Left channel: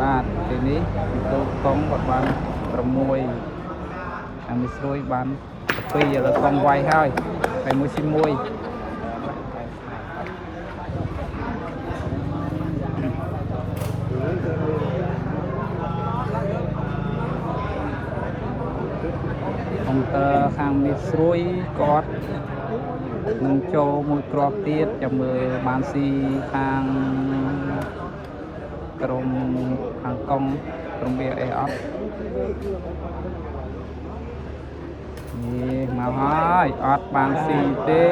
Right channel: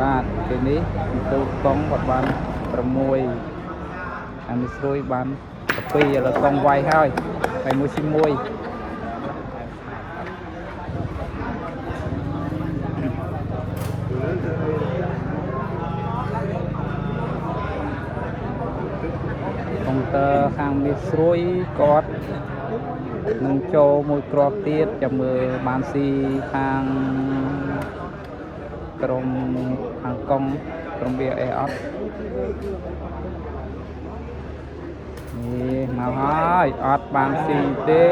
បាទពេលនេះទៅកង់ក៏បាន6អានេះស្រួយបាន2ឥឡូវកង់វាយហើយមួយស៊ី1ខាងនេះស្រួយគាត់នឹងចូលមួយគ្រាប់ទៀតចាំមើលបានស៊ីខាងក្រុមខាងកង់ក្រុមវាអេអត់នេះមកហើយអត់បានស៊ីទេ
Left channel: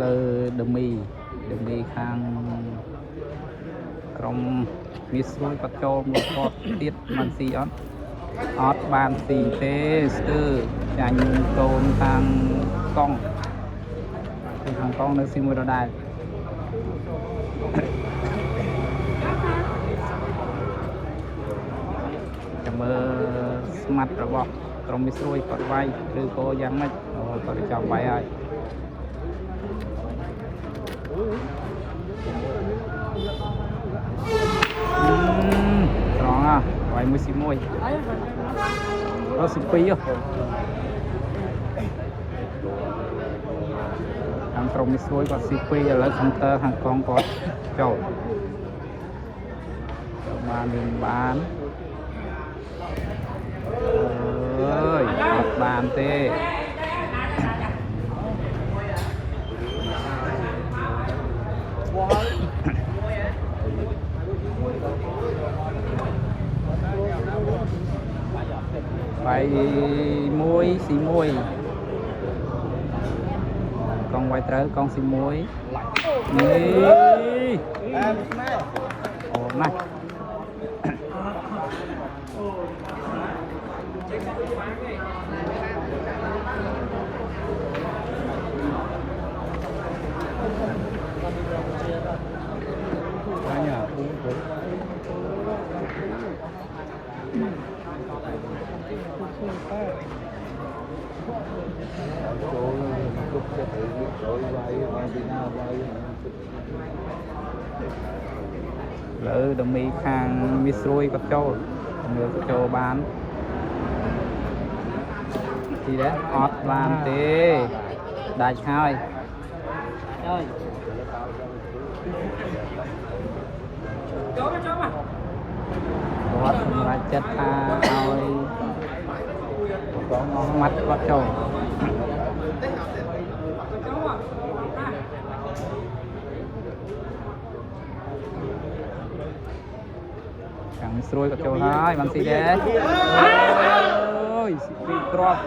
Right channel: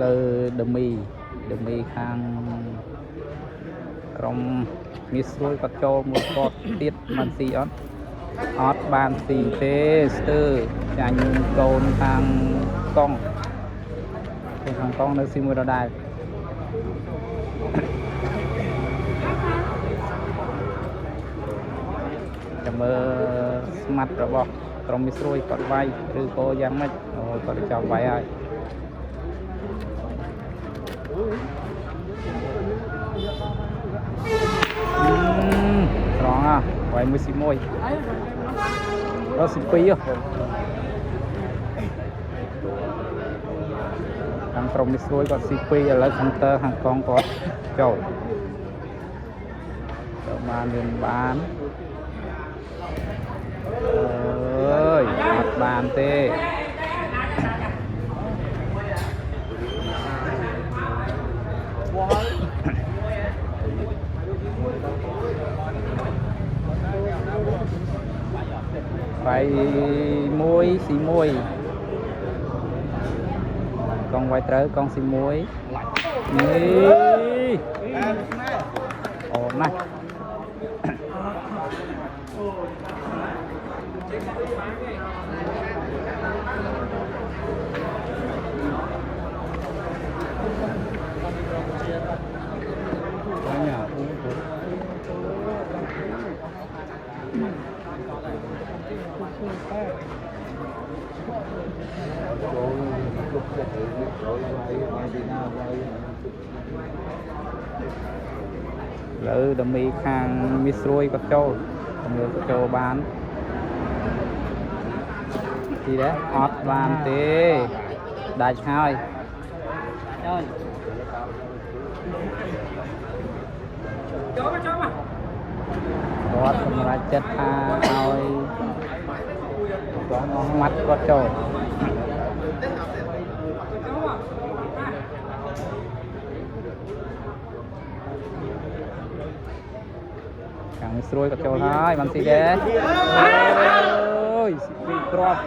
លើដមីខាងក្រុមមានស្រួយគាត់ចូលមួយគាត់ទៀតបានស៊ីអត់បានស៊ីទេស្ទើរចាញ់កូនខាងកង់នៅស៊ីមួយដដែលចាំមើលស្មាត់របស់ក្រុមមានស្រួយគាត់វាយឬក៏យ៉ាងម៉េចគាត់ចាប់វាយហើយត្រង់វាយមួយស៊ី1ដល់ស៊ី2ខាងក្រុមនេះស្រួយគាត់ស៊ី2ឥឡូវខាងតើខាងកងគាត់ចូលបានមានបានអើយអត់បានទេមួយស៊ី1កងវាយត្រូវកងស៊ី1នេះអូណាស់លើដមីខាងមានស្រួយគាត់ចូលមើលចូលបានទីដែរអត់បានទេដាច់ហើយគាត់សម្រាប់ចិត្តថាឲ្យស្មាត់គាត់ចូលខាងស្រួយគាត់ចូលហើយបានស៊ីដែរអូយស៊ី2គ្រាប់